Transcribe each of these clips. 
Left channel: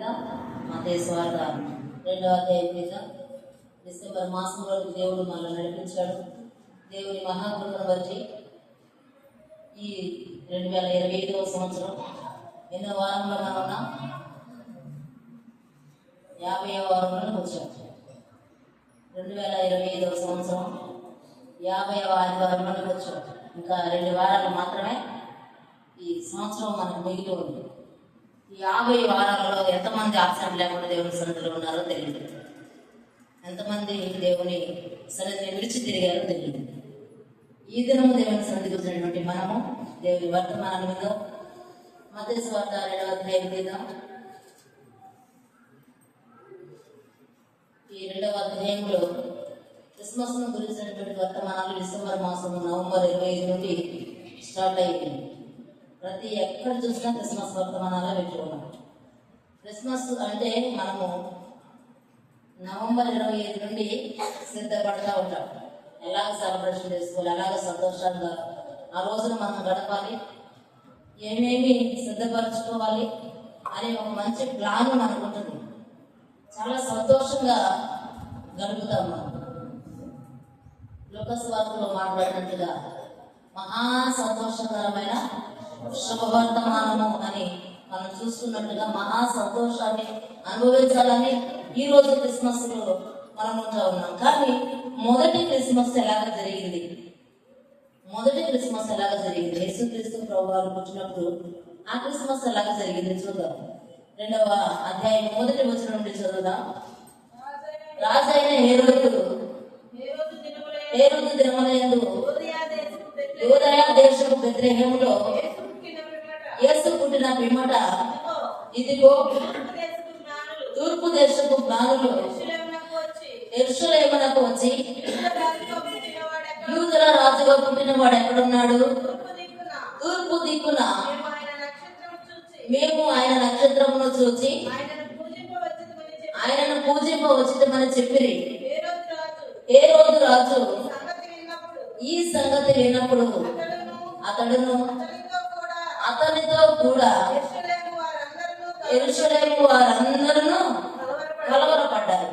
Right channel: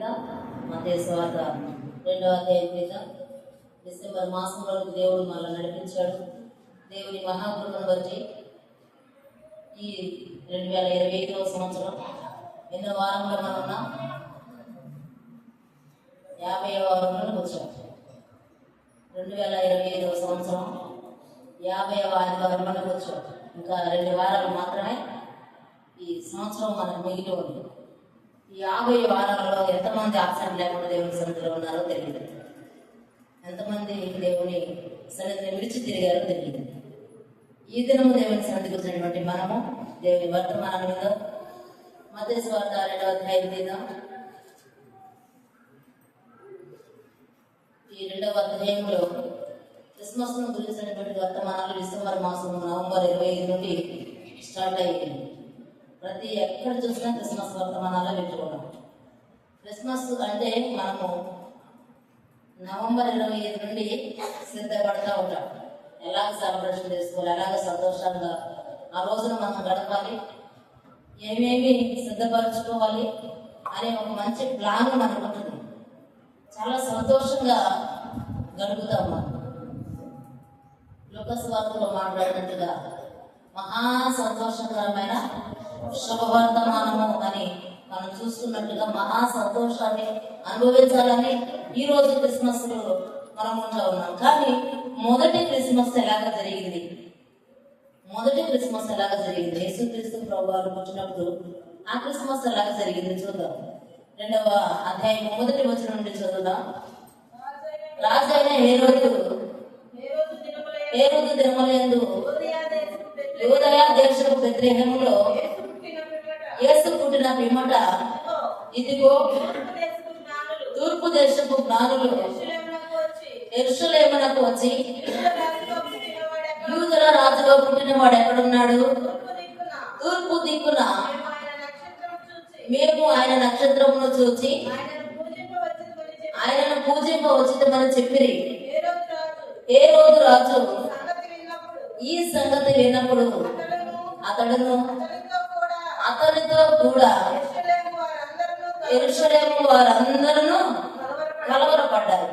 మత్తయి సువార్త 2వ అధ్యాయం డిసెంబర్ మాసంలో దేవుడు మనల్ని నడిపించాడు. దేవుని మహాకృపను బట్టి ఈ 2025వ సంవత్సరం ఎన్నో వారంలో మనం ఉన్నాం. 50వ వారంలో కూర్చోం. 2025వ సంవత్సరం 50వ ఆదివారంలో కూర్చోం. ఇంకా 2 వారాలు మాత్రమే ఈ సంవత్సరం మనకు మిగిలి ఉంది. ఈ 50 వారాలలో ఎంతమంది ఆబ్సెంట్ లేకుండా దేవుని సన్నిధిలో ఉన్నారో తెలియదు. ఎంతమంది దేవుని సన్నిధిని విడిచి తిరిగారో తెలియదు. ఈ దినము దేవుని సన్నిధికి వచ్చినటువంటి మనము దేవుని వర్తమానం మీద మత్తయి సువార్త 2వ అధ్యాయం తీద్దాం. ఈ 2వ అధ్యాయంలో క్రిస్మస్ ను గురించినటువంటి వర్తమానాలు డిసెంబర్ మాసం నవంబర్ 25 నుండి స్టార్ట్ అయిపోయింది. ప్రతి ఎక్కడ చూసినా క్రిస్మస్ వర్తమానాలు పెట్టుకున్నాం. క్రిస్మస్ అంటే మనము నవంబర్ 25 నుండి సిద్ధపడుతూ ఉంటాం. ఎలాగ సెలబ్రేషన్ చేసుకోవాలి, ఎలాగ సంతోషంగా ఆ రోజున మనం గడపాలి, ఏమేమి సిద్ధపరచుకోవాలి అనే ఒక మంచి ప్లాన్ మనకు ఉంటుంది. చాలా సంతోషంగా గడుపుతాం. మనం లూకా సువార్తలో మాట్లాడినట్టుగా మహా సంతోషకరమైన శుభవర్తమానము అని మనం చూసుకున్నట్టుగా మహా సంతోషాన్ని అనుభవించాలని ఈ రోజు క్రిస్మస్ మనం ఉంటా ఉన్నాం. కానీ మొదటి క్రిస్మస్ ఎలాగ జరిగింది? యేసుక్రీస్తు ప్రభువారు పుట్టినప్పుడు ఆ క్రిస్మస్ ఎలాగ జరిగింది చూద్దాం. 2వ అధ్యాయం 1వ వచనం నుండి చదువుదాం. రాజైన హేరోదు దినములందు యూదయ దేశపు బెత్లెహేములో యేసు పుట్టిన పిమ్మట ఇదిగో తూర్పు దేశపు జ్ఞానులు యెరూషలేమునకు వచ్చి యూదుల రాజుగా పుట్టిన వాడు ఎక్కడున్నాడు? తూర్పు దిక్కున మేము ఆయన నక్షత్రమును చూచి ఆయనను పూజింపవచ్చితమని చెప్పిరి. హేరోదు రాజు ఈ సంగతి విన్నప్పుడు అతడును అతనితో కూడా యెరూషలేము వారందరూ కలవరపడ్డారు.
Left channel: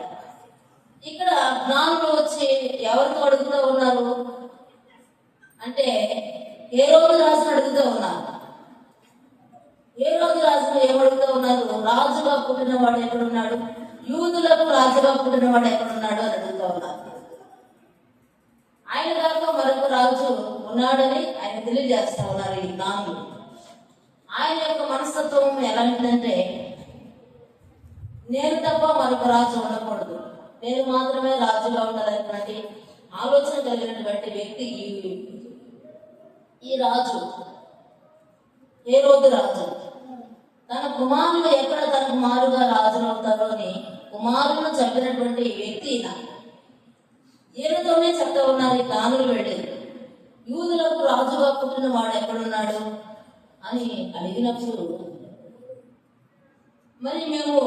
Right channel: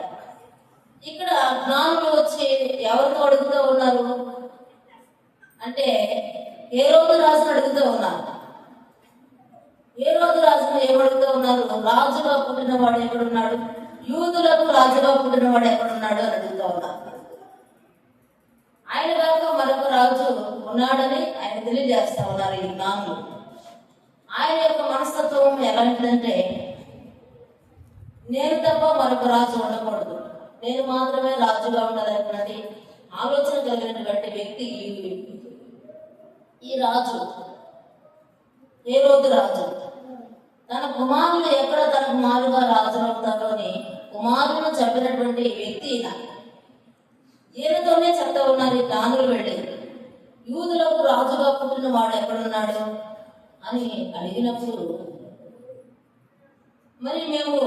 ఇక్కడ జ్ఞానులు వచ్చి ఎవరితో అడుగుతూ ఉన్నారు అంటే హేరోదు రాజును అడుగుతూ ఉన్నారు. హేరోదు రాజును ఏమడుగుతూ ఉన్నారు? రాజుగా పుట్టిన వాడు ఎక్కడున్నాడు, యూదులకు రాజుగా పుట్టిన వాడు ఎక్కడున్నాడు అని అడుగుతూ ఉన్నారు. ఆయన దాకా మరొక రాజు ఉన్నాడని ఆయన తెలియజేస్తా ఉన్నారు ఈ జ్ఞానులు. ఆయన యొక్క మనస్తత్వం ఎలాంటిదంటే, నేను తప్ప మరొక రాజు ఉండకూడదు, నేను మాత్రమే రాజుగా ఉండాలనేటువంటి ఆలోచన కలిగినటువంటి వ్యక్తి ఈ రాజు హేరోదు రాజు. తన కుమారులు ఎక్కడ తన కుమారుగా రాజులు అవుతారో అని కుమారులను చెప్పినటువంటి వ్యక్తి ఈయనతోనే చెప్తా ఉన్నారు ఈ జ్ఞానులు వెళ్ళి, యూదులకు రాజుగా పుట్టిన వాడు ఎక్కడున్నాడు అని అడిగినప్పుడు, మరి మేము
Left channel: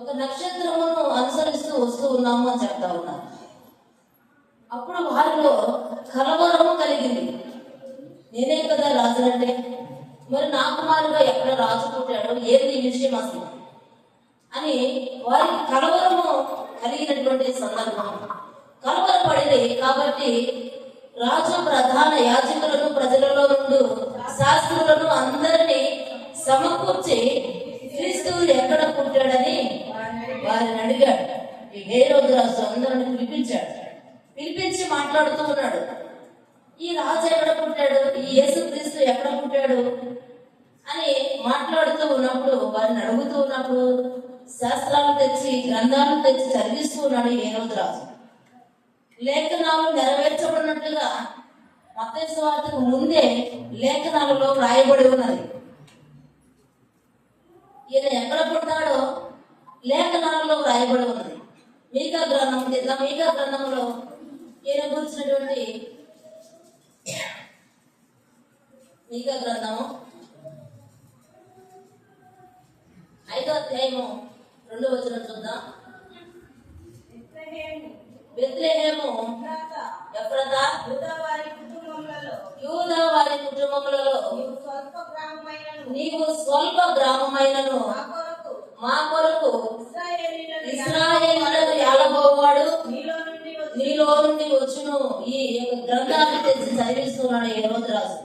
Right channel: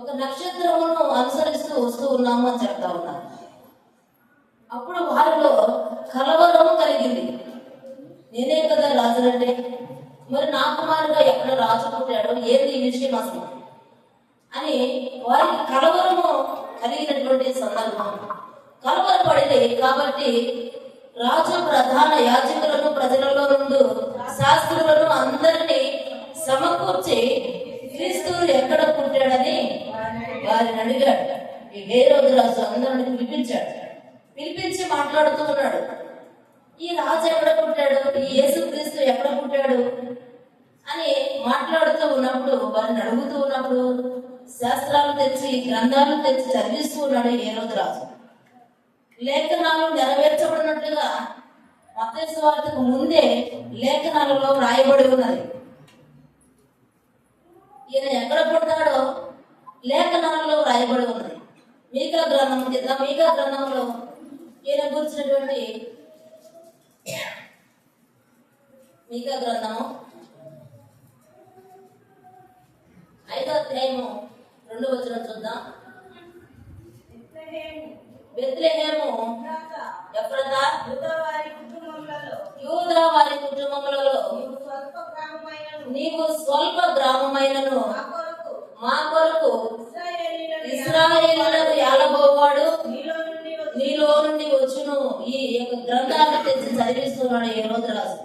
ఒక నక్షత్రమును అనుసరిస్తూ వస్తూ ఉన్నాము అని చెప్తా ఉన్నాం. అప్పుడు వారిలో కలవరము కలిగింది. నేనే కదా రాజునంటే, మరి నా కుమారుగా ఎక్కడ రాజు పుట్టాడు, ఏంది ఈ విషయం అసలు అని వారికి కలవరము కలిగినటువంటి సందర్భం. కలవరపడింది. కాబట్టి రాజు ప్రధాన యాజకులను ప్రజలలో నుండి శాస్త్రులను అందరినీ సమకూర్చి క్రీస్తు ఎక్కడ పుట్టాడని వారిని అడిగాడు. ఈ హేరోదు రాజు అందరిని పిలిపించి మాట్లాడుతూ ఉన్నాడు. ఈ రాజు ఎక్కడ పుట్టాడు, ఈ యేసుక్రీస్తు ఎక్కడ పుట్టాడు అని మాట్లాడుతూ ఉన్నప్పుడు, వారిని అడుగుతూ ఉన్నప్పుడు శాస్త్రాలు తెచ్చి గ్రంథాలు తెచ్చి చదివిస్తూ ఉన్నాడు హేరోదు రాజు. లేఖనాలు నెరవేర్చబడినట్లుగా మత్తయి సువార్తకు ముందే లేఖనాలలో రాయబడి ఉన్నది. ఈయన ఎక్కడ పుడతాడో లేఖనాలలో రాయబడి ఉన్నది. మీకా గ్రంథంలో ఈయన గురించినటువంటి మీకా గ్రంథము 5వ అధ్యాయము 2వ వచనం చూద్దాం. బెత్లెహేము ఎఫ్రాతా యూదా వారి కుటుంబములలో నీవు స్వల్ప గ్రామమైనను మా కొరకు ఇశ్రాయేలులకు ఏలబోవాడు నీలో నుండి వచ్చును. ఈ యొక్క గ్రంథాన్ని తెచ్చి చదివిస్తున్నాడు ఈ రోజు రాజు.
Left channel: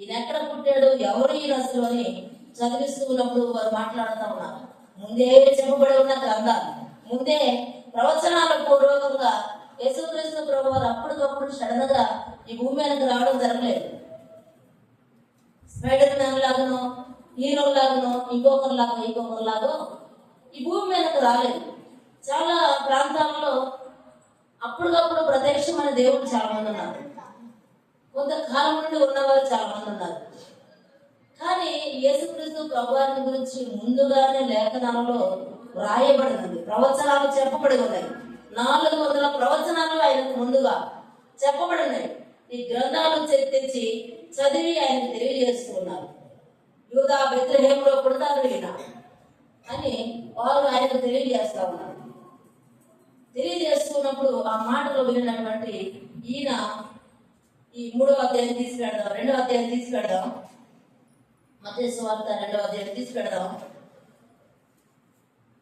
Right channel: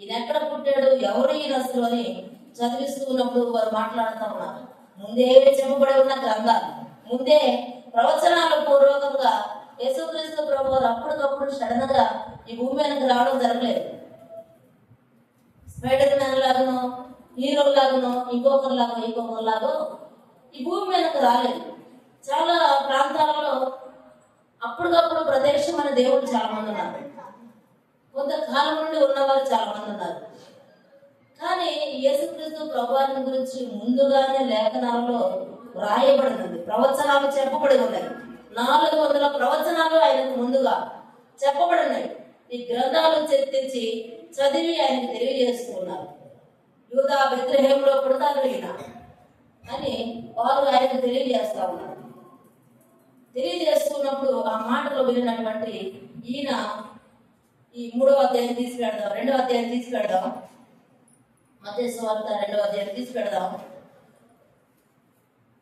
ఈయన ఎక్కడ పుట్టాడు, ఎవరు ఈ రాజు అని చదివిస్తూ ఉన్నప్పుడు వారు మాట్లాడుతూ ఉన్నారు. ముందే చెప్పబడి ఉన్న గ్రంథాలు, ముందే ప్రవచనాల పూర్వకంగా యేసుక్రీస్తు ప్రభు వారు అప్పటికప్పుడు సడన్ గా ఈ భూమి వెనక రావడం జరగలేదు. స్పైడర్ మ్యాన్ లాగానో, హీరో లాగానో, ఇంకొకరిలాగో ఈ భూమి వెనక రాలేదు. చాలా ప్రాంతాలలో అప్పటికప్పుడు ప్రత్యక్షమైన దేవుడు చాలా మంది ఉన్నారు, కొంతకాలం నుండి ఉన్నవారు చాలా మంది ఉన్నారు. కానీ యేసుక్రీస్తు ప్రభువారిని గురించి ముందుగానే లేఖనాలలో రాయబడినది, ప్రవచనాలు చెప్పబడి ఉన్నాయి. 400 ప్రవచనాలు ఆయనకు ముందుగా చెప్పబడినాయి. ఈ గ్రంథాలు తెచ్చి చదివి ఆయనకు తెలియజేస్తూ ఉన్నారు. యూదా బెత్లెహేములో పుడతాడు ఈయన అని వారు ఆయనకు తెలియజేస్తా ఉన్నారు. తెలియజేస్తున్నప్పుడు ఆ మాటలు విన్నటువంటి ఈయన ఈ 3వ అధ్యాయం తీసి పెడదాం, 2వ అధ్యాయం తీసి పెడదాం, మత్తయి సువార్త 2వ అధ్యాయం తీసి పెడదాం.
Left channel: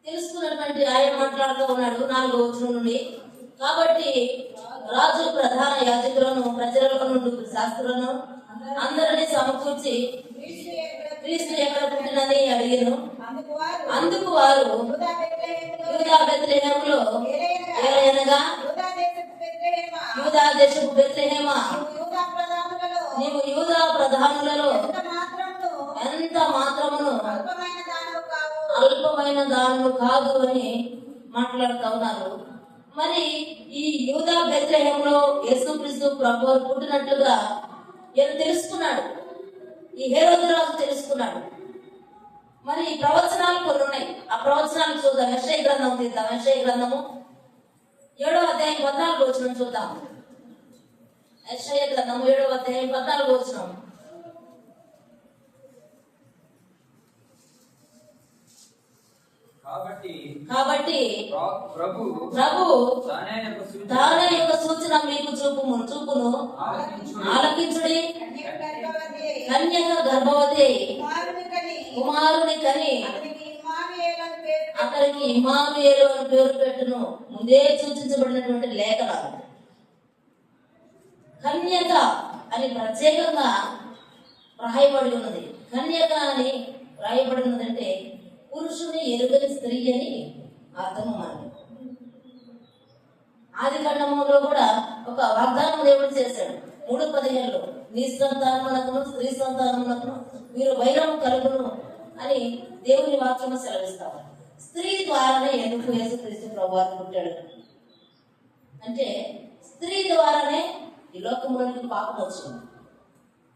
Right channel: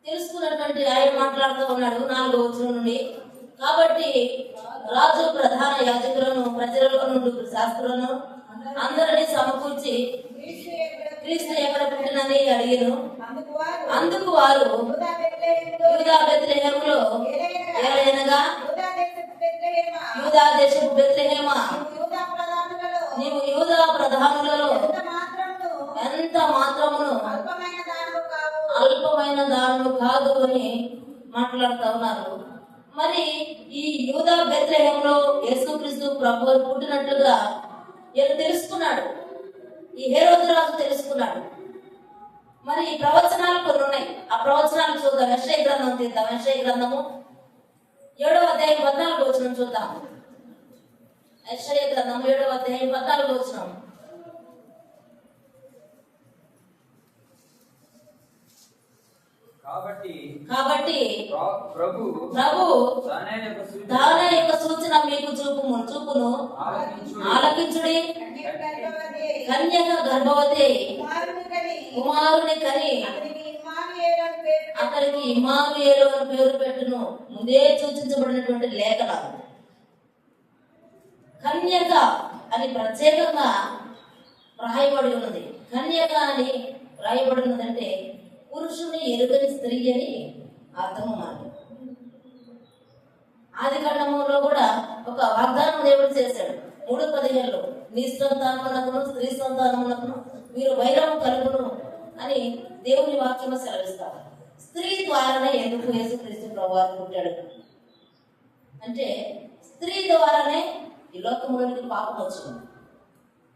తెలుసుకున్నటువంటి ఆయన మాట్లాడుతూ ఉన్నాడు 4వ వచనం నుండి. కాబట్టి రాజు ప్రధాన యాజకులను ప్రజలలో నుండి శాస్త్రులను అందరినీ సమకూర్చి క్రీస్తు ఎక్కడ పుట్టినని అడిగాను. అందుకు వారు యూదా బెత్లెహేములో ఏలయనగా యూదా దేశపు బెత్లెహేమా, నీవు యూదా ప్రధానులలో ఎంత మాత్రమును అల్పమైన దానులు కాదు అని మాట్లాడుతూ ఉన్నారు. మరి ఈ యూదా బెత్లెహేములో యేసుక్రీస్తు ప్రభువు పుట్టినట్లుగా ఈయన తెలుసుకున్నాడు, ఈ హేరోదు రాజు తెలుసుకున్నాడు. మరి ఈ ప్రవచనాలు కొన్ని ఉన్నాయి, ఆ ప్రవచనాలు చూద్దాం. యెషయా గ్రంథం తీద్దాం. యెషయా గ్రంథము 7వ అధ్యాయం 14వ వచనం చూద్దాం. యెషయా గ్రంథం 7వ అధ్యాయం 14వ వచనం. కాబట్టి ప్రభు తానే యొక్క సూచన మీకు చూపును ఆలకించుడి. కన్యక గర్భవతి కుమారుని కని అతనికి ఇమ్మానుయేలు అని పేరు పెట్టును. ముందే సూచించబడినటువంటి లేఖనాలు. కన్యక అని ప్రత్యేకంగా రాయబడి ఉన్నది. కన్యక అని రాయబడి ఉన్నదంటే పురుషుని ఎరుగని స్త్రీ అని అర్థం. మనకి ఆది కాండములో కూడా ఒక వాగ్దానం దేవుడు చేశాడు 3:15లో, నీ సంతానమునకును స్త్రీ సంతానమునకును మీరు వైరము కలుగును అని దేవుని వాక్యము సెలవిస్తారు. స్త్రీ ద్వారానే ఎందుకు యేసుక్రీస్తు ప్రభువారు పుట్టాడు అంటే, స్త్రీ ద్వారానే ఈ లోకంలోనికి పాపం వచ్చింది.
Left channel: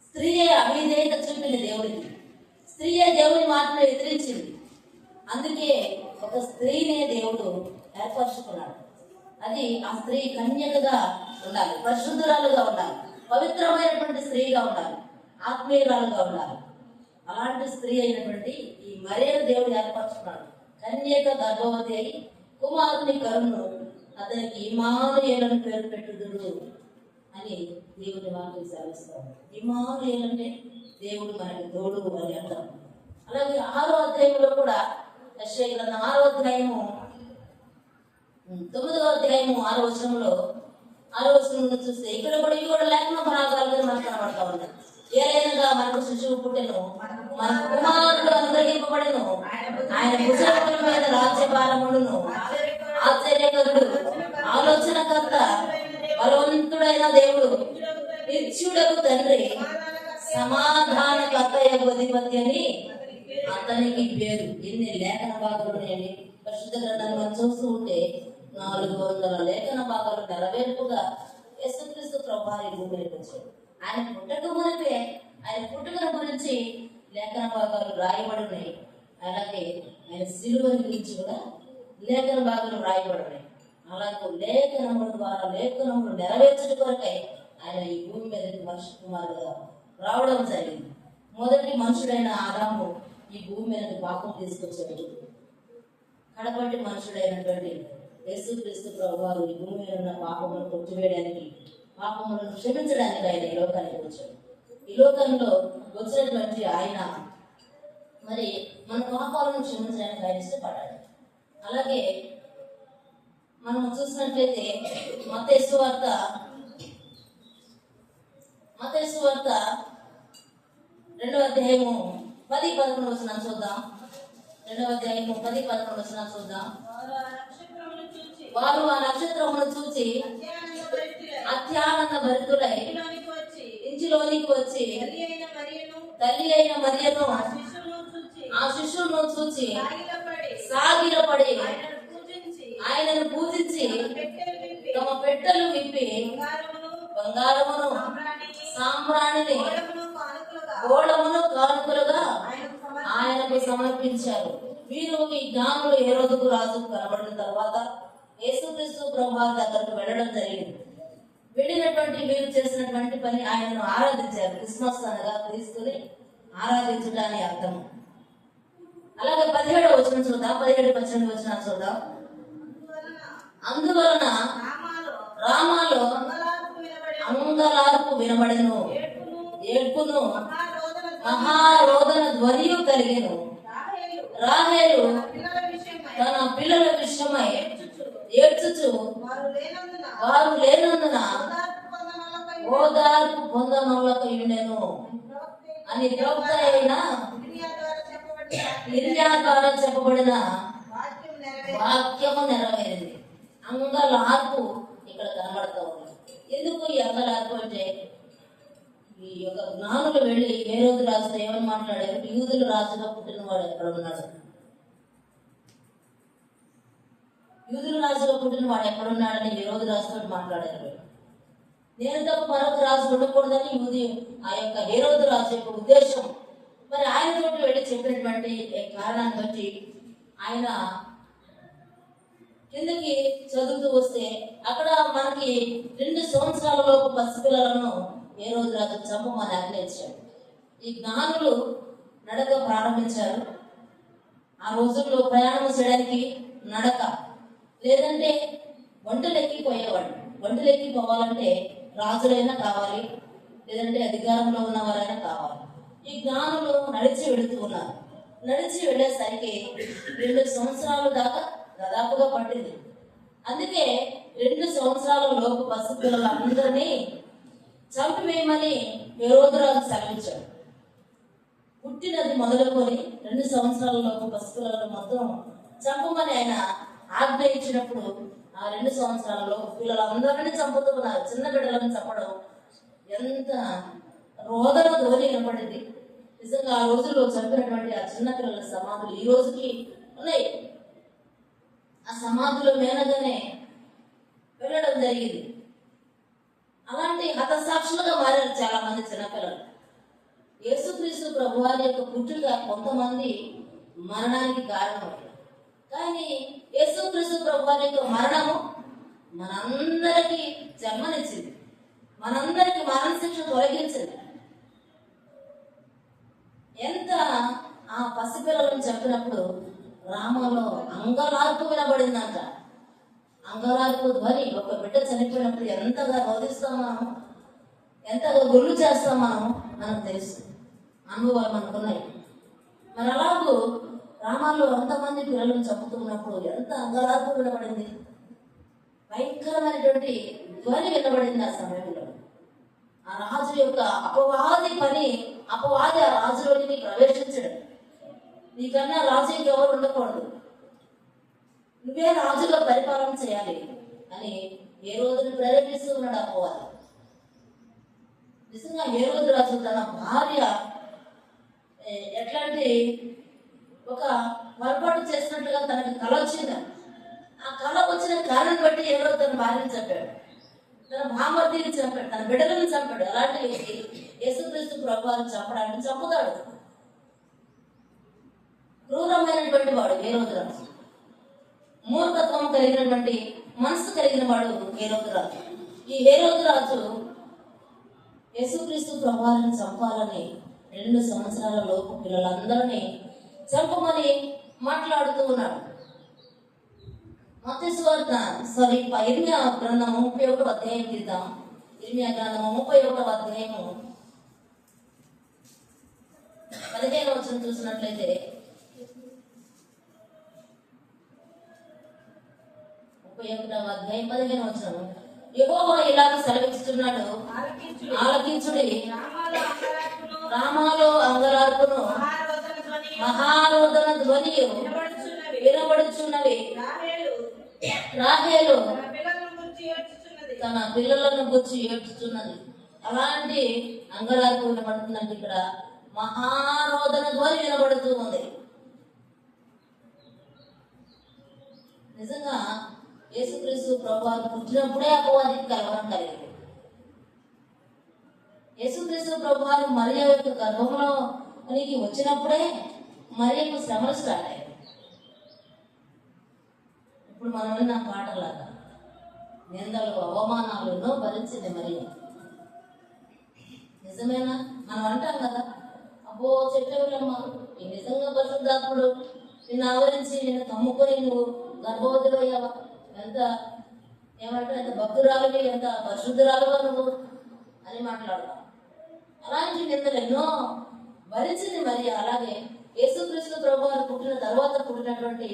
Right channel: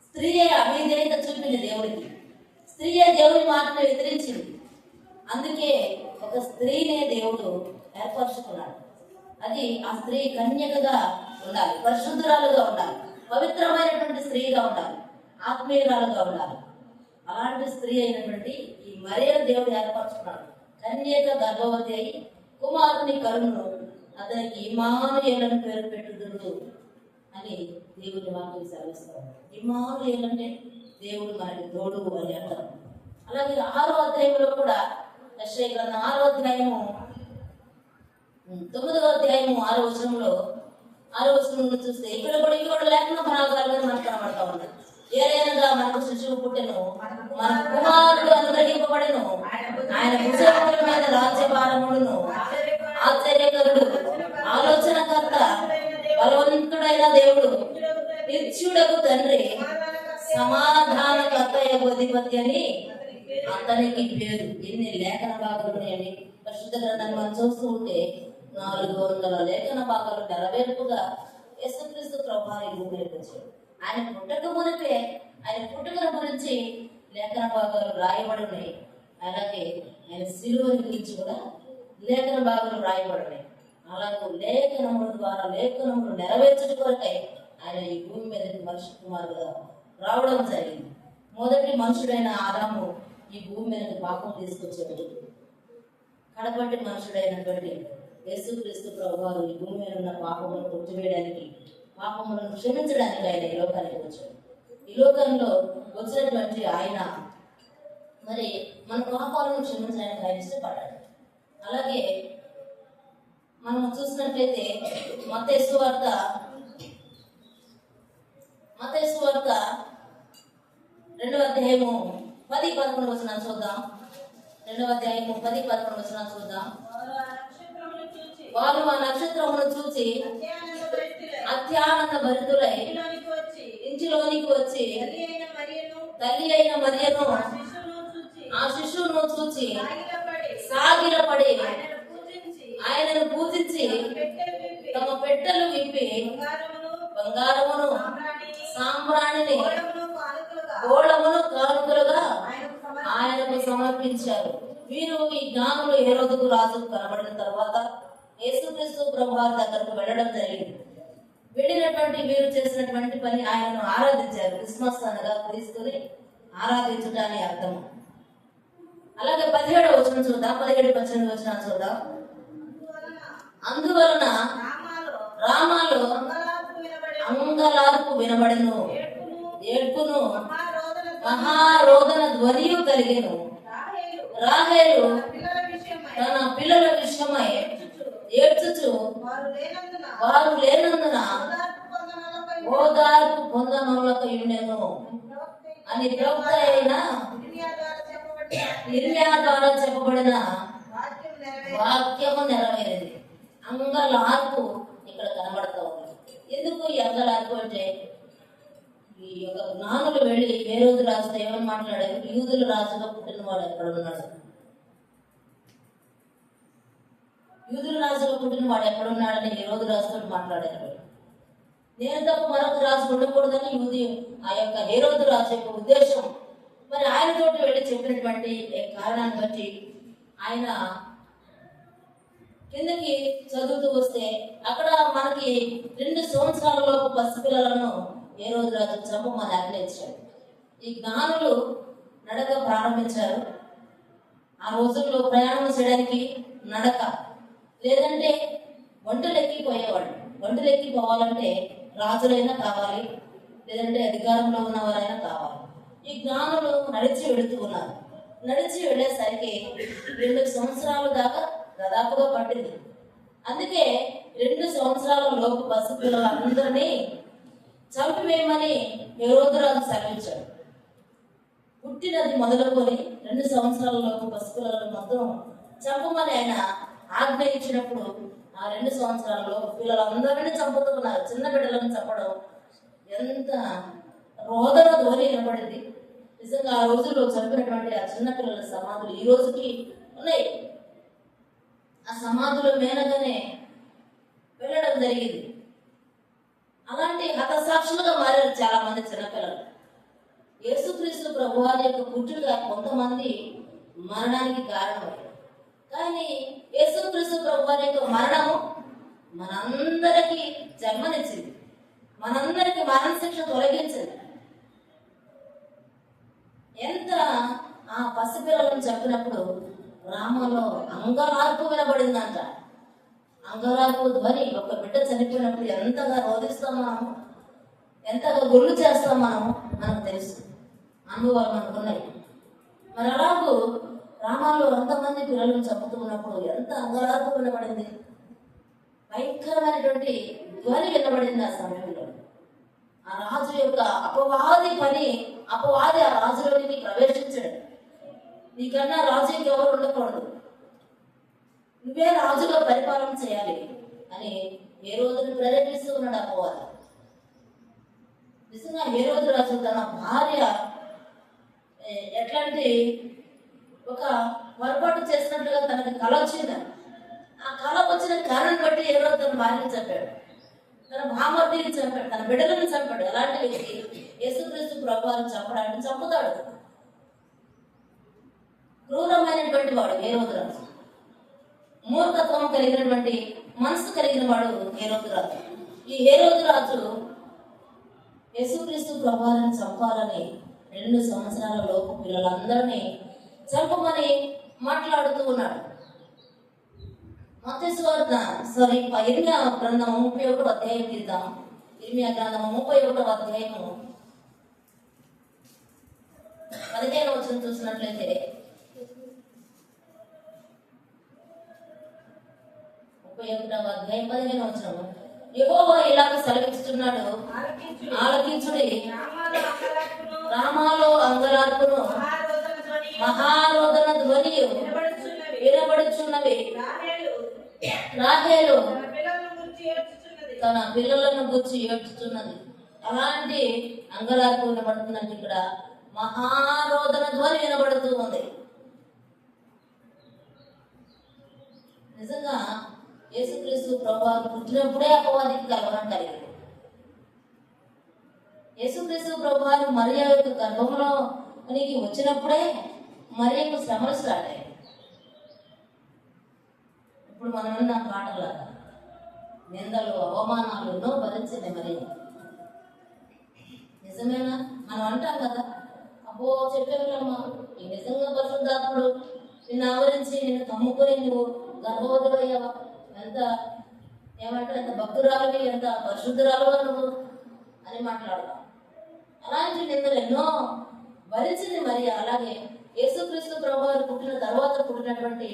స్త్రీయే అవిధేయత చూపింది దేవుడికి, స్త్రీయే దేవుని మాటను ఎదిరించింది. అందుకే ఒక స్త్రీనే దేవుడు ఏర్పరచుకున్నాడు. అది ఆ స్త్రీ కన్యకగా ఉండాలి, పరిశుద్ధురాలుగా ఉండాలి, పవిత్రమైనటువంటి స్త్రీగా ఉండాలి, ఆత్మీయురాలుగా ఉండాలి. అలాంటి స్త్రీ అయినటువంటి ఈ మరియను దేవుడు ఏర్పరచుకున్నాడు. కన్యక గర్భవతి అయి కుమారుని కరును, అతనికి ఇమ్మానుయేలు పేరు పెట్టుదురు అని దేవుని వాక్యం సెలవిస్తాడు. ఇమ్మానుయేలు అంటే దేవుడు మనకి తోడు అని అర్థం. అలాగే 6వ అధ్యాయంలో కూడా యెషయా గ్రంథం 6వ అధ్యాయము 9వ అధ్యాయము 6వ వచనంలో 6వ వచనంలో చూస్తే ఇక్కడ కూడా ఇవి కూడా లేఖన భాగాలుగా మనకు కనబడతా ఉన్నాయి. ఏలైనగా మనకు శిశువు పుట్టెను, మన కుమారుడు అనుగ్రహింపబడెను, ఆయన భుజముల మీద రాజ్యభారమును. ఆశ్చర్యకరుడు, ఆలోచనకర్త, బలవంతుడైన దేవుడు, నిత్యుడకు తండ్రి, సమాధానకర్త అధిపతి అని అతనికి పేరు. ఎన్ని లేఖన భాగాలు ఉన్నాయండి పరిశుద్ధ గ్రంథాన్ని మనం చూస్తూ ఉంటే 400 లేఖన భాగాలు నెరవేర్పుగా యేసుక్రీస్తు ప్రభువారు భూమికి వచ్చాడు. ఆయన పుట్టక మునిపే ఆయన పుట్టుకల గురించి లేఖన భాగాలు రాయబడి ఉన్నాయి. అలాగే ఆయన సిలువని గురించి కూడా లేఖన భాగాలు రాయబడి ఉన్నాయి. అలాగే లేఖనముల ద్వారా లేఖనములు నెరవేర్చడం కొరకై ఆయన ఈ భూమి మీద మనిషి కుమారుగా రావడం జరిగింది. మొదటి మనుషుడైన ఆదాము ఈ భూమి మీద పాపం తీసుకొచ్చాడు. కడపటి మనుషుడైనటువంటి యేసుక్రీస్తు ప్రభువారు ఈ భూమి మీద ఉన్న పాపములను కొట్టివేయడానికి, పాపములను క్షమించడానికి ఆయన ఈ లోకానికి వచ్చాడు. ఈ లోకంలో వచ్చినటువంటి ఆయన మరి మన పాపాలను క్షమించడానికి ఆయన ఇష్టపడ్డాడు. అలాగే మనం చూసినట్లయితే మత్తయి సువార్త 2వ అధ్యాయము 10-11 వచనాలు చూద్దాం. 2వ అధ్యాయము 10-11 చూద్దాం. వారు ఆ నక్షత్రమును చూచి అత్యానంద భరితులై ఇంటిలోనికి వచ్చి తల్లి అయిన మరియను ఆ శిశువును చూచి సాగిలపడి ఆయనను పూజించి తమ పెట్టెలు విప్పి బంగారమును సాంబ్రాణిని గోళమును కానుకలుగా ఆయనకు సమర్పించారు. వీరు ఈ జ్ఞానులు హేరోదుకు రాజుకు కనబడిన తర్వాత యేసుక్రీస్తు ప్రభువారి దగ్గరకు వెళ్ళడం జరిగింది. వెళ్ళినటువంటి వీరు చేసినటువంటి పని ఆయనను ఆరాధించారు. క్రిస్మస్ అనగా క్రీస్తుని ఆరాధించడానికి అర్థం. అలాగే 17వ వచనం చూద్దాం. 17-18 వచనాలు చూద్దాం. అందువలన రామాలో అంగలార్పు వినబడెను, ఏడ్పును మహారోదన ధ్వనియు కలిగెను. రాహేలు తన పిల్లల విషయమై ఏడ్చుచు వారు లేనందున ఓదార్పు పొందనొల్లకయుండెను అని ప్రవక్త అయిన ఇర్మియా ద్వారా చెప్పబడిన వాక్యము నెరవేరింది. అంగలార్పు ఇక్కడ కనబడతా ఉంది. ఎందుకు ఈ అంగలార్పు అంటే, ఈ యొక్క జ్ఞానులు వెళ్ళి హేరోదు రాజుతో ఏమని మాట్లాడారు? యూదుల రాజుగా పుట్టినవాడు ఎక్కడ ఉన్నాడు? యూదుల రాజుగా పుట్టినవాడు ఎక్కడున్నాడని హేరోదు రాజుతో మాట్లాడారు. నేను తప్ప మరొక రాజు ఉండకూడదని ఆ యొక్క హేరోదు రాజు యొక్క ఉద్దేశం. మరి ఆయనతోటి వెళ్ళి చెప్పినటువంటి కారణాన్ని బట్టి ఆయన కిందకి చదువుతూ వస్తే అక్కడ మనకి 2 సంవత్సరాలలోపు పసిపిల్లలను హేరోదు రాజు చంపమని ఆజ్ఞయించాడు. ఈ జ్ఞానులు నడక ప్రారంభించారు. ఆ రోజుల్లో ప్రయాణం చేయడానికి నడక, లేదంటే ఒంటెలెక్కి పోయేవాడు. ఒంటెలెక్కి పోవాలంటే రాజులైనా కావాలి, లేదంటే అధికారంలో ఉన్నవారైనా కావాలి. ఈ జ్ఞానులు నడిచి వెళుతూ ఉన్నారు. నడిచి వెళ్ళేసరికి 2 సంవత్సరాల దాకా దాదాపుగా పట్టింది. అందుకే 2 సంవత్సరాల లోపు పసిపిల్లలందరినీ చంపివేయమని హేరోదు రాజు సెలవిచ్చాడు. పుట్టినది మొదలుకొని 2 సంవత్సరాల లోపు పసిపిల్లలను మొత్తం చంపమని ఆయన ఆజ్ఞ ఇచ్చినప్పుడు ఆ 2 సంవత్సరాల లోపు పిల్లలందరినీ చంపుతూ ఉన్నారు. చిన్న బిడ్డలను చంపడం ఎంత రోదన ధ్వని వినపడింది. నిజంగా ఆ రోజుల్లో చంపినటువంటి ఆ చిన్న పిల్లల సమాధులు ఈ రోజుకి ఉన్నాయి. ఆ సమాధుల మేనగానే వెళ్ళడం జరిగింది. అలాంటి హతసాక్షులుగా మారారు చాలా మంది చిన్నపిల్లలు. యేసుక్రీస్తు ప్రభువారి యొక్క పుట్టుక కొంతమంది మరణానికి కారణమయ్యారు. కానీ యేసుక్రీస్తు ప్రభువారి యొక్క మరణము మనందరికీ జన్మనిచ్చింది, మనందరికీ మరణ శిక్ష తొలగించింది. ఎంత ఆ పసిపిల్లలను చెప్పినప్పుడు గ్రామంలో అంగలార్పు వినబడిందంట. అంగలార్పు ధ్వని. ఒక బిడ్డ చనిపోయినప్పుడు ఎంతగా రోధిస్తాం మనం, ఎంతగా గుళ్ళు చేస్తాం మనకు తెలుసు, అనుభవాలు మనకున్నాయి. మరి అలాగూ గ్రామాల్లో ఎంతమంది పిల్లలను చంపుతున్నప్పుడు ఎంత అంగలార్పు వినబడింది, భయంకరమైనటువంటి ధ్వని వినబడింది. ఆ సమయంలో ఆ రాజు యొక్క అపవాది ఆ రాజులోనికి ప్రవేశించడం. నీకన్నా రాజు ఇంకెవరు ఉండకూడదు, నువ్వే రాజుగా పరిపాలన చేయాలి అని హేరోదుని ప్రేరేపిస్తూ ఉన్నాడు అపవాది. నిజంగా హేరోదు రాజు తన భార్య ఎట్లాంటి ఒక పొరపాటు చేసినట్లుగా తనకి కళ వచ్చిందని, ఆ కళ వచ్చిన కారణం బట్టి హేరోదు తన భార్యను చంపాడు, తన భామర్దిని చంపాడు, తన బిడ్డలను చంపాడు. అలాంటి వ్యక్తి యేసుక్రీస్తు ప్రభువారిని చంపడానికి చంపుతాడు. క్రూరమైనటువంటి వాడు హేరోదు రాజు, మూర్ఖత్వం కలిగినటువంటి మనసు కలిగిన వాడు హేరోదు రాజు. ఈ హేరోదు రాజు యేసుక్రీస్తు ప్రభువారిని చంపాలని 2 సంవత్సరాల లోపు పిల్లలందరినీ చంపమని మాట్లాడుతూ ఉన్నాడు. మత్తయి సువార్త ఇర్మియా గ్రంథము 31వ అధ్యాయం తీద్దాం. ఇర్మియా గ్రంథము 31వ అధ్యాయము 15వ వచనం చూసినట్లయితే 31వ అధ్యాయం 15వ వచనం, యెహోవా ఇలాగ సెలవిస్తున్నాడు, ఆలకించుడి, రామాలో అంగలార్పును మహారోదన ధ్వని వినబడుచున్నవి. రాహేలు తన పిల్లలను గుర్చి ఏడ్చుతున్నది. అలాంటి అంగలార్పు వినబడుతుందంటే ఇక్కడ మహారోదన ధ్వని వినబడుతూ ఉంది. నిజంగా యేసుక్రీస్తు ప్రభువు పుట్టినప్పుడే అపవాదికి కలవరం కలిగింది. యేసుక్రీస్తు ప్రభువు మరియ యొక్క గర్భంలోనికి వచ్చినప్పుడే మరియకు శ్రమలు స్టార్ట్ అయ్యాయి. ఇప్పుడు మనం విన్న పాటలాగా నిందలు అవమానాలు ఎన్నో భరించింది మరియ. నిజమేనా? మనం అంటాం కదా, అబ్బో చెప్పేవాళ్ళమ్మా, ఈ నిజంగా పరిశుద్ధాత్ముడు నిన్ను ఆవరించి నిన్ను కమ్ముకొని నువ్వు గర్భవతి అయ్యావా, ఎంత ఏమంటారు, ఎంత భక్తురాలువి, ఎంత పరిశుద్ధురాలుగా నువ్వు అని మాట్లాడతాం. అలాంటి నిందలు ఎన్నో భరించింది మరి. అలాగే యేసుక్రీస్తు ప్రభువు పుట్టిన తర్వాత పుట్టినటువంటి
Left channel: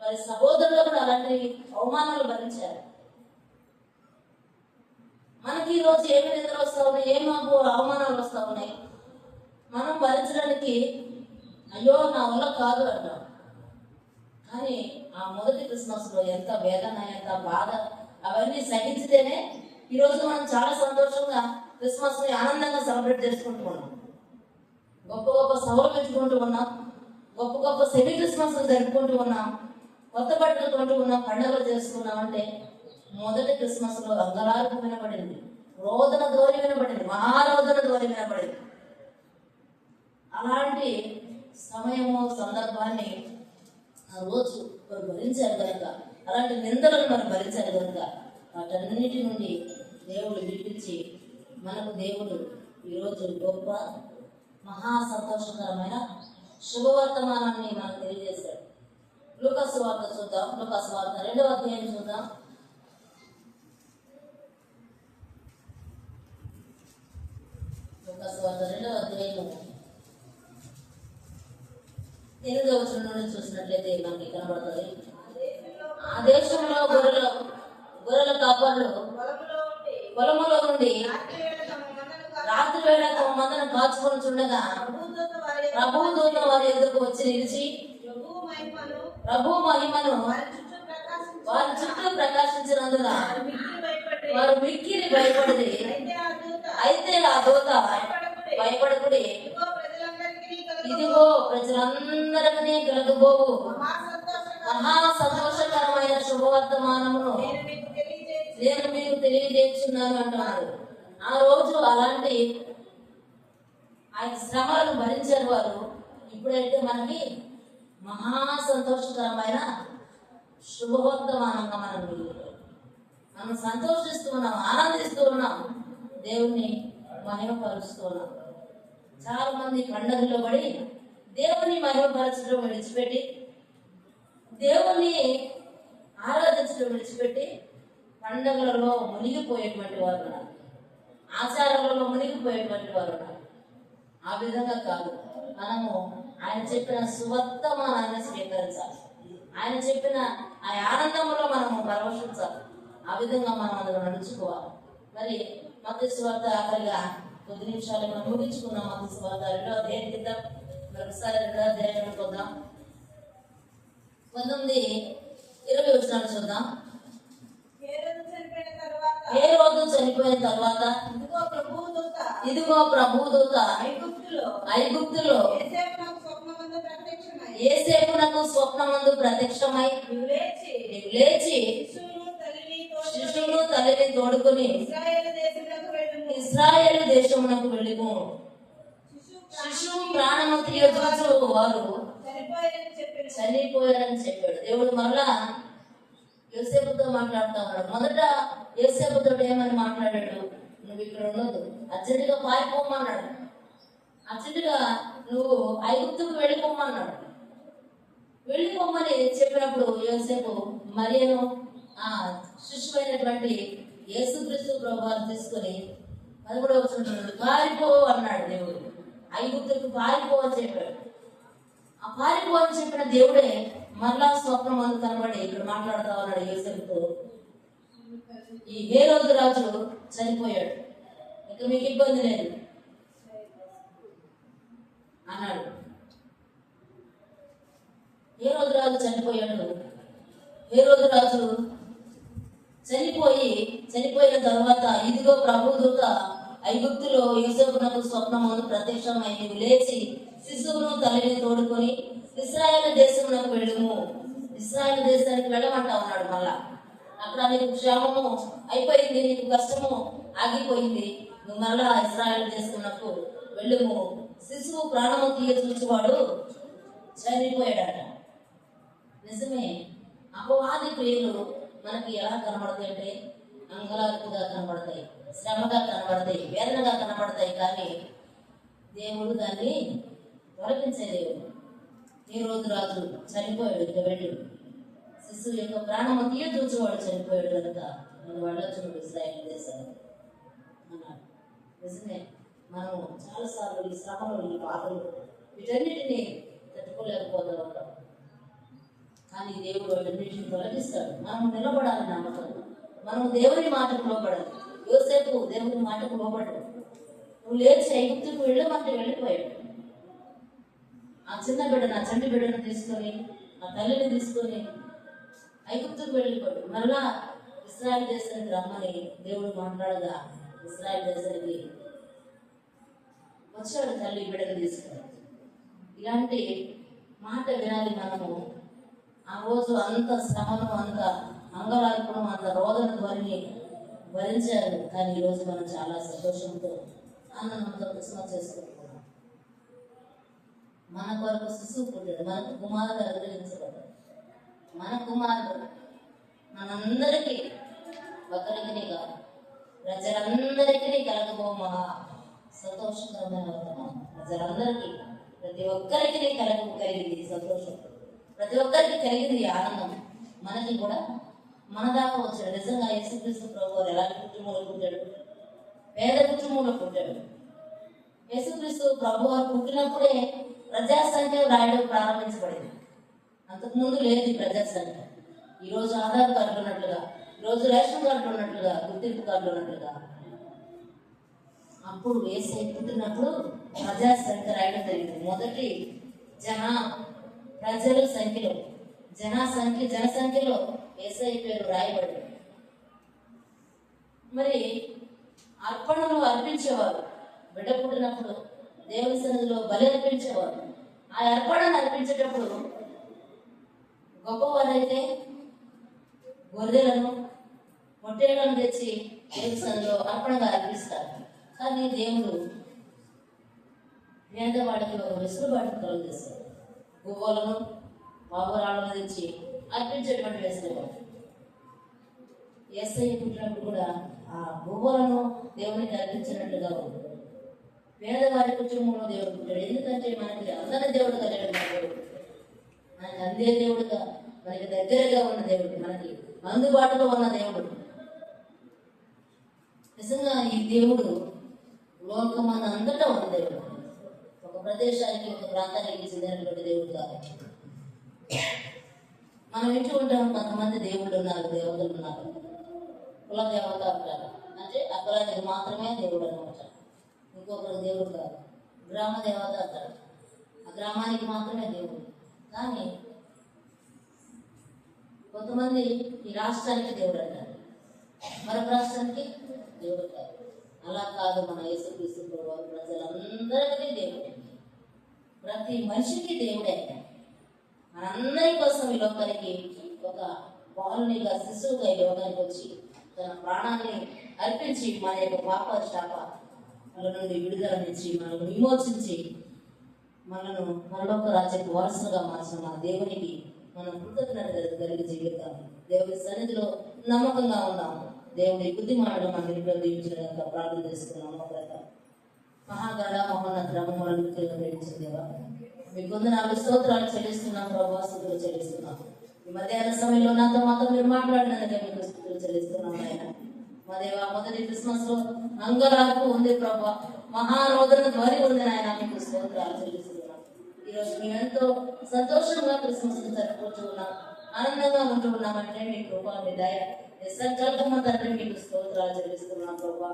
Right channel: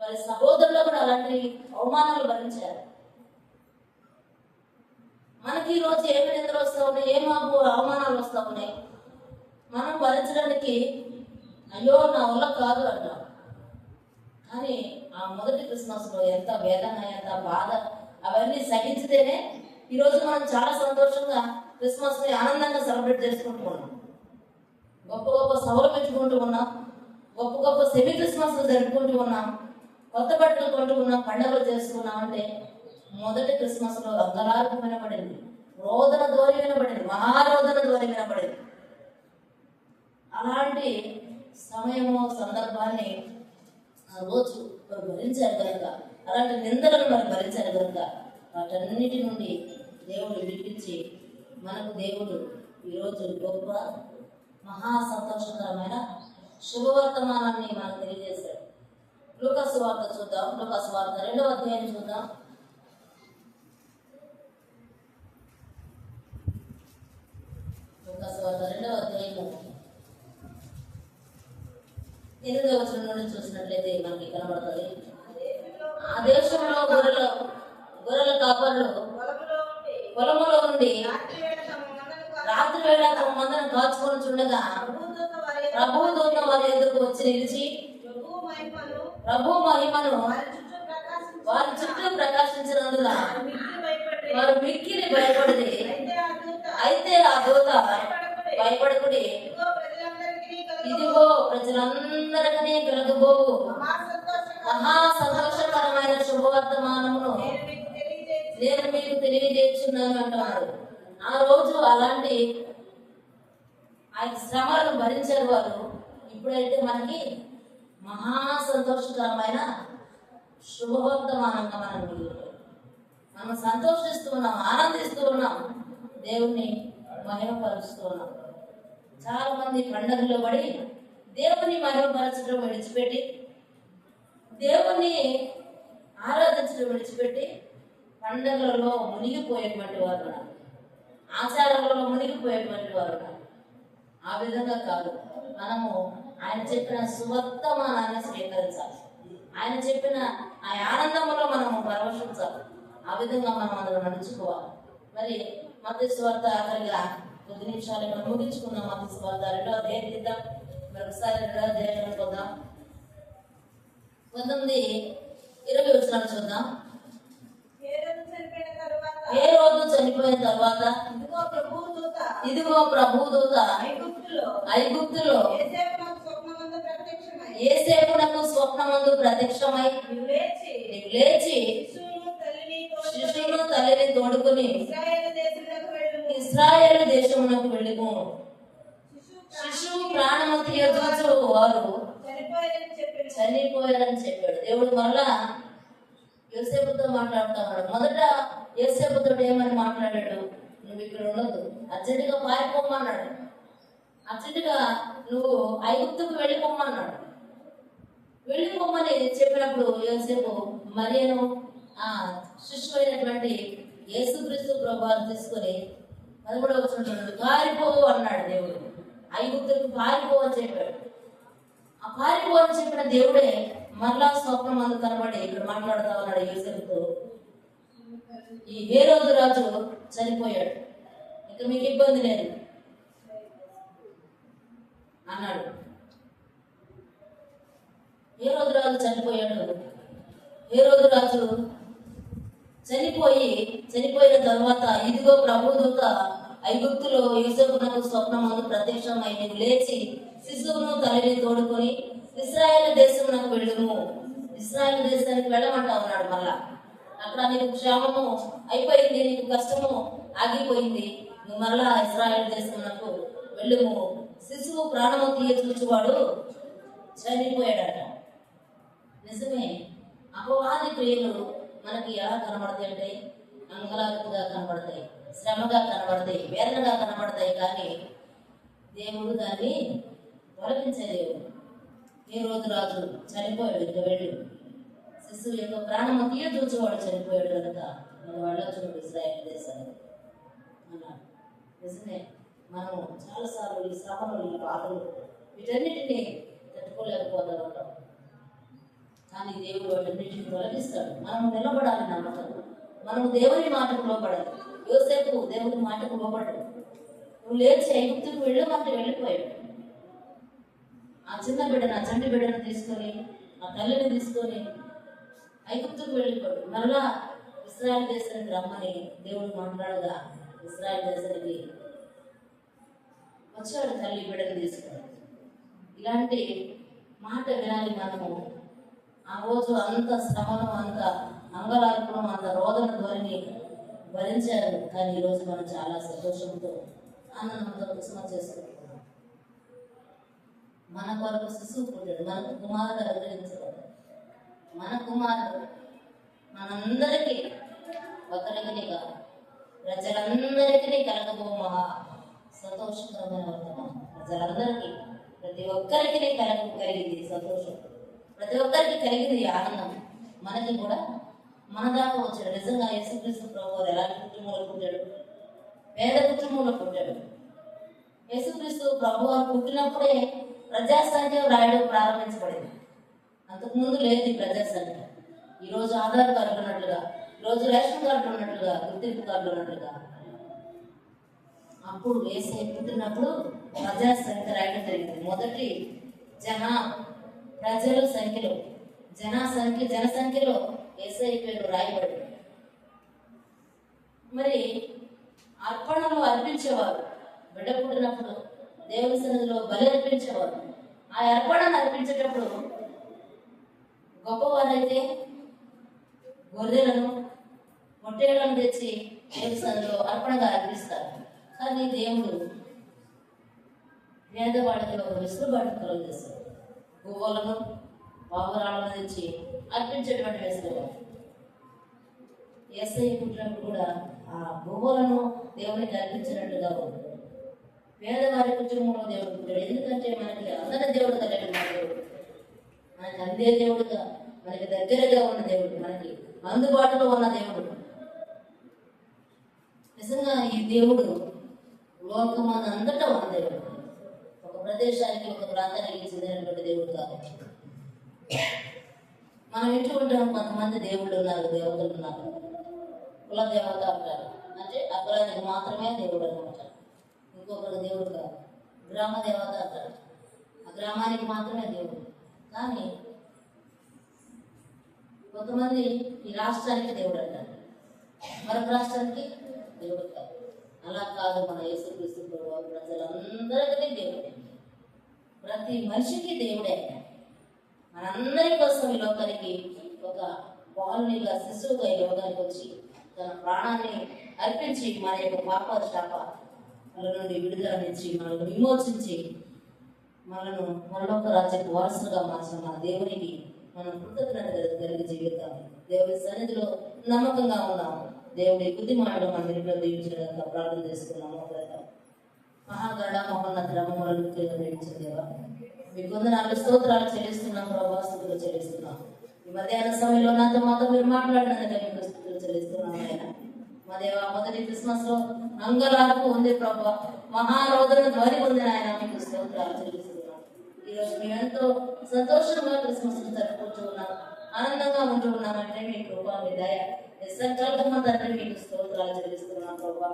వారి సహోదరులు కూడా అలాంటి అవమానాలు భరించారు. మనకి ఈ రోజు ఏమి నిందలు వస్తా ఉన్నాయి, ఏం అవమానాలు వస్తా ఉన్నాయి, మనం భరించడానికి అయ్యో నా వల్ల కాదు అంటాం. కానీ ఆ మొదటి క్రిస్మస్ లో ఎంత వేదన, ఎంత బాధ, అవన్నీ సహించితేనే ఈరోజు మనం చాలా సంతోషంగా క్రిస్మస్ ని ఆనందంగా సెలబ్రేట్ చేసుకుంటూ ఉన్నాం. గొప్ప గొప్ప సభలు పెంచుకుంటూ ఉన్నాం, గొప్ప గొప్ప సెమీ క్రిస్మస్ జరుపుకుంటూ ఉన్నాం, కొత్త బట్టలు కొంటూ ఉన్నాం, పండుగలు చేసుకున్నాం. అంటే మొదటి క్రిస్మస్ లో అంగలార్పు వినబడింది, రోదన ధ్వని వినబడింది, మహారోదన ధ్వని వినబడింది. అలాంటి సమయము సందర్భాన్ని ఆ రోజు వారు భరించారు కనుక, అలాంటి నిందలను వారు భరించారు కనుక వాటన్నిటి నుండి దేవుడు విడిపించి మనకు దేవుడు ఈరోజు గొప్ప మహా సంతోషకరమైన శుభవర్తమానాన్ని మనకు తెలియజేశాడు. లూకాసు వార్త చూద్దాం. లూకాసు వార్త 2వ అధ్యాయం చూద్దాం. లూకాసు వార్త 2వ అధ్యాయము 8వ వచనం నుండి చూసినట్లయితే మనకి కనబడుతుంది, ఆ దేశంలో గొర్రెల కాపర్లు పొలములో నుండి రాత్రి వేళ తమ మందను కాచుకొని చుండగా ప్రభువు దూత వారి ఎదురుకు వచ్చి నిలిచి ప్రభు మహిమను వారి చుట్టూ ప్రకాశించినందున వారు మిక్కిలి భయపడింది. అయితే ఆ దూత, భయపడకుడి, ఇదిగో ప్రజలందరికీ కలుగబోవు మహా సంతోషకరమైన శుభవర్తమానమును నేను మీకు తెలియజేస్తున్నాను అంటున్నారు. ఆ రోజు అలాంటి ఆ శ్రమలను భరించారు వారు. ఇప్పుడైతే మనకి మహా సంతోషకరమైన శుభవర్తమానంగా మనం సంతోషిస్తూ ఉన్నాం, ఆనందిస్తూ ఉన్నాం, దేవుణ్ణి మహిమపరుస్తూ ఉన్నాం. చాలా మంది పండుగల్లో పడి దేవుని మహిమపరచడం విడిచిపెట్టి, దేవుణ్ణి ఆరాధించడం విడిచిపెట్టి పండుగలలో మునిగిపోయేటువంటి వారు ఉన్నారు, ఆచారాలలో మునిగిపోయేటువంటి వారు ఉన్నారు. ఆ విధంగా కాదు, మనము ఆయన చెప్పిన సువర్తమానాన్ని స్వీకరించాలి, ఆయన చెప్పిన ఆ ఆనందంలో మనము పరవశించాలి. ఆ విధంగా మనం అందరం నడుచుకోవాలి. మరి మత్తయి సువార్త ఆఖరిగా కొద్ది నిమిషాలు మనం ముగించుకున్నాం. మత్తయి సువార్త 2వ అధ్యాయం కిందాం, మరొకసారి 2వ అధ్యాయం చూద్దాం. 19-20 వచనాలు చూద్దాం. ఏ రోజు చనిపోయిన తర్వాత ఇదిగో ప్రభుదూత ఐగుప్తులో యేసేపునకు స్వప్నమందు ప్రత్యక్షమై లేచి శిశువును తల్లిని తోడుకొని ఇశ్రాయేలు దేశమునకు వెళ్ళిపో. శిశువు ప్రాణము తీయచూచు వారు చనిపోయారని చెప్పాడు. దేవుడు మరలా యోసేపుతో మాట్లాడుతూ ఉన్నాడు. మొదట యోసేపుతో ఏమని మాట్లాడాడు, నువ్వు ఇక్కడ ఉండదు, అర్జెంటుగా పారిపోమన్నాడు, అర్జెంటుగా నువ్వు ఐగుప్తుకు వెళ్ళిపోమన్నాడు. వెళ్ళిపోమని చెప్పినప్పుడు యోసేపు మరియను ఆ శిశువైనటువంటి యేసుక్రీస్తు ప్రభువును తీసుకొని 11వ వచనంలో పారిపో అన్నాడు దేవుడు. ఐగుప్తులకు పారిపోవని చెప్పాడు. ఆ పారిపోవని చెప్పిన దేవుడే మరలా స్వప్నం అందు కనబడి ఇక్కడ మాట్లాడుతూ ఉన్నాడు యోసేపుతో. ఈ హేరోదు రాజు చనిపోయాడు, ఇక మీకు ఇబ్బంది లేదు అన్నాడు. హేరోదు రాజు చనిపోయాడు. హేరోదు రాజు చనిపోయిన తర్వాత ఇదిగో ప్రభు దూత ఐగుప్తులో యోసేపునకు స్వప్నమందు ప్రత్యక్షమై నీవు లేచి శిశువును తల్లిని తోడుకొని ఇశ్రాయేలు దేశమునకు వెళ్ళుము. ఇశ్రాయేలు దేశానికి వెళ్ళమంటా ఉన్నాడు. మళ్ళా అక్కడ నీకు క్షేమము అయిపోయింది, నీకు కష్టము ఆగిపోయింది, నువ్వు మళ్ళా ఇశ్రాయేలు దేశమునకు వెళ్ళుము. శిశువు ప్రాణము తీయ చూచువాడు చనిపోయాడట. నిజమే, అపవాది క్రియలు మనకి ఎలా కనబడతాయి అంటే అంగలార్పుగా కనబడతాయి, శ్రమగా కనబడతాయి, వేదనగా కనబడతాయి. కానీ దేవుడు దాన్ని తొలగించే దేవుడు. ఈ రోజు రాజు చనిపోయాడు, ఇక వెళ్ళు. శిశువు యొక్క ప్రాణము తీయ చూచేవాడు చనిపోయాడు కనుక మనం వెళ్ళొచ్చు ఇశ్రాయేలు దేశాన్ని అన్నాడు. నిజమే, మనము చాలాసార్లు ఈ శ్రమలు, ఈ బాధలు, వీటన్నిటినీ తట్టుకోలేకపోతూ ఉంటాం. కానీ దేవుడు వాటన్నిటిని తొలగిస్తాడు. మనము నిలబడాలి నమ్మకం. మనము దేవుని మాటకు లోబడాలి. యోసేపు దేవుని మాటకు లోబడ్డాడు. నువ్వు లేచి ఐగుప్తుకు వెళ్ళమంటే వెళ్ళిపోయాడు. ఆ చిన్న బిడ్డ, నా చంటి బిడ్డను తీసుకొని, నా తల్లిని తీసుకొని ఐగుప్తుకు వెళ్ళిపోయాడు. మళ్ళా ఇశ్రాయేలు దేశానికి రమ్మని దేవుడు మాట్లాడగా ఇశ్రాయేలు దేశానికి వచ్చాడు తల్లి బిడ్డను తీసుకొని. ఇలాంటి మాట వినాలి మనము. ఆ రోజు అంత శ్రమను, అంత అంగలార్పణం, అంత రోదన ధ్వనిని భరించారు. కానీ ఈరోజు మనం చాలా సంతోషంతో ఆనందంతో క్రిస్మస్ చేసుకుంటున్నాం. మన కొరకు శిశువు పుట్టాడు, మనకు కుమారుడు అనుగ్రహించబడ్డాడు. మన కుమారుడు మనందరికీ, ఒకరికి కాదు ప్రజలందరికీ కలగబో మహా సంతోషకరమైన వర్తమానం. ప్రజలందరికీ, ప్రతి ఒక్కరికి కలిగింది సంతోషం, ప్రతి ఒక్కరికి కలిగింది ఆనందం. మనకి కూడా మన దాకా వచ్చాడు. నిజంగా యేసుక్రీస్తు ప్రభువు ఎలాంటి కుటుంబంలో పుట్టాడు? పేద కుటుంబంలో పుట్టాడు. యేసుక్రీస్తు ప్రభువు పుట్టినప్పుడే ప్రజాసంఖ్య రాయడం ప్రారంభించబడింది. అంతకుముందు లేదు ఈ ప్రజాసంఖ్య. ఈరోజు ఆధార్ కార్డులు ఉన్నట్లుగా, ఈరోజు రేషన్ కార్డులు ఉన్నట్లుగా, గుర్తింపు కార్డులు ఉన్నట్లుగా అప్పుడు యేసు పుట్టినప్పుడు ప్రజాసంఖ్య రాయడం జరిగింది. మొదటి ప్రజల సంఖ్యలో, జనసంఖ్యలో యేసయ్య పేరు రాయబడి, మరి అర్పణలు అర్పించేవారు. బిడ్డ పుట్టినప్పుడు దేవుని సన్నిధిలో బలి అర్పించేవారు. ఆ అర్పణను అర్పించేటప్పుడు గొప్పవారైతే గొర్రెలను, పొట్టేళ్లను తెచ్చి దేవుని సన్నిధిలో అర్పణగా అర్పిస్తారు. కానీ దేవుడు పేదవాడికి ఒక వెసులుబాటును కలుగజేస్తాడు. గువ్వలను, పావురాలను తెచ్చి అర్పించేటువంటి వెసులుబాటు. యేసయ్య పుట్టినప్పుడు కూడా ఆ గువ్వలను దేవునికి అర్పించినట్లుగా ఉంది. పేదవారి కుటుంబంలో దేవుడు పుట్టాడు. ఎందుకంటే మనకి అందరి దేవుడు కలిగిన దేవుడు, మనకి అందే దేవుడుగా, మనకి దగ్గరగా ఉన్న దేవుడు, మనకి అందుబాటులో ఉన్న దేవుడు. నిజంగా ఈ దేవుడు లోకమంద అంతటా ఉన్న దేవుడు. ఒక ప్రదేశానికి, ఒక ప్రాంతానికి చెందినటువంటి దేవుడు కాదు. మనం ఇంటి ఉంటాం, కొంతమంది దేవుళ్ళు ఉన్నారు, దేవతలు ఉన్నారు. కుల దేవత అంటారు, అంటే అగ్రానికి మాత్రమే దేవుడు అనమాట. ఇంకొకరు దేవుడు కాదు. గ్రామ దేవత అంటారు, ఆ గ్రామానికి మాత్రమే దేవుడు. కానీ కొంతమంది ఈ రాష్ట్రానికి దేవుడు అంటారు, మరొక రాష్ట్రానికి దేవుడు కాదు. అలా కాదు. మన యేసుక్రీస్తు ప్రభువు ప్రజలందరికీ దేవుడే, ప్రతి మనిషికి దేవుడే. మనందరి కోసం ఈ లోకానికి ఒక బాలునిగా, శిశువుగా ఈ లోకానికి వచ్చి తన ప్రాణాన్ని అర్పించి మన యొక్క పాప శాపాల నుండి విడుదలనిచ్చి, మనల్ని విమోచించి, మనను పరలోక రాజ్యపు వారసులుగా మార్చిన మన దేవునికి మనం కృతజ్ఞత కలిగి జీవితాం. దేవుడి సన్నిధిలో నమ్మకంగా ఉన్నాము. దేవుడి బుద్ధి మాటలు మన ఇంట్లో దీవించడానికి ప్రార్థన చేస్తున్నాము. మహాగణ మహోన్నత రమణులను దేవా, మీ వందనాలు, స్తోత్రాలు చెల్లిస్తున్నాం, ప్రభాస్తులు చెల్లిస్తున్నాం. ఈ మధ్యాహ్న సమయంలో మాతో మీరు మాట్లాడినందుకే మీకు స్తుతులు చెల్లిస్తున్నాం. ఆయన మా దేవ, మొదటి క్రిస్మస్ లో అంగలార్పు ఉంది ప్రభా. మహారోదన ధ్వని పొందిన ఆయన మీకు స్తోత్రాలు చెల్లిస్తున్నాం. ఈరోజు మేమెంతో సంతోషంగా క్రిస్మస్ జరుపుకుంటూ ఉన్నాం, ఆనందంగా ఉంటూ ఉన్నామంటే మీ కృప, మీ దయ, మీ సంకల్పం తండ్రి మీకు స్తోత్రాలు చెల్లిస్తున్నాం. ప్రభా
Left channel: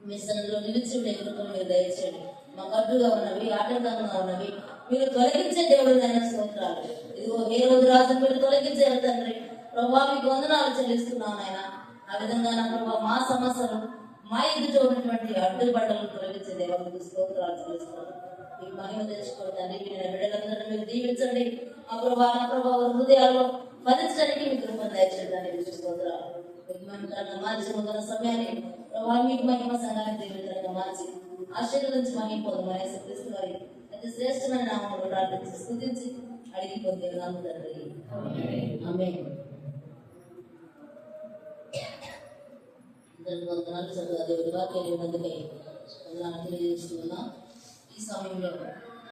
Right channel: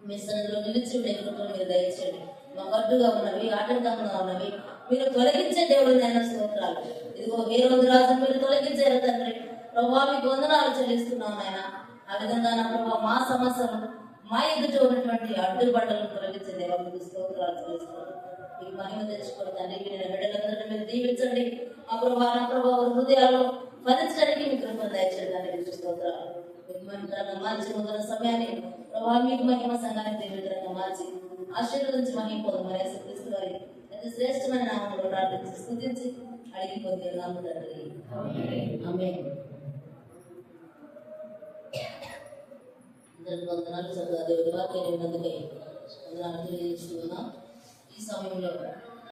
మీ సన్నిధిలో నిలిచి కృప మీరు దయచేయండి. మా గడ్డుగా ఉన్నవి, ఆటంకంగా ఉన్నవి మీరు తొలగించే దేవుడు అయిన స్తోత్రాలు. ఇదిగో ఏ రోజు రాజు మీరు తొలగించారు తండ్రి. ప్రభా మీకు వందనాలు చెల్లిస్తున్నాం ఆయన. ఆ విధంగా నా ప్రభా మా సమస్యలు, మా ఎదుట ఉన్నటువంటి అడ్డుబండలను తొలగించే దేవుడికి స్తోత్రాలు చెల్లిస్తున్నాం. మీకు మహిమ తెచ్చుకోండి తండ్రి. మీరు బిడ్డలందరినీ మీరు దీవించండి. ఆ ప్రభా నా ప్రభా హృదయాల్లో ఫలించడానికి మీకు కృపను దయచేయడానికి మీకు స్తోత్రాలు. మార్చి ముందున్న సమయాన్ని ప్రభావ మీకు మహిమ సంఘానికి దేవుడిగా మార్చి ఆశీర్వదించి మహిమ పొందమని యేసుక్రీస్తు వారి అతి శ్రేష్టమైన నామములో ప్రార్థించి స్తుతించి అడిగి పొందే నామము తండ్రి. ఆమేన్. వందనాలు చదువు దేవుడి వాక్యాన్ని ఉన్నందుకై వందనాలు తెలియజేస్తున్నాం. ఈ సమయంలో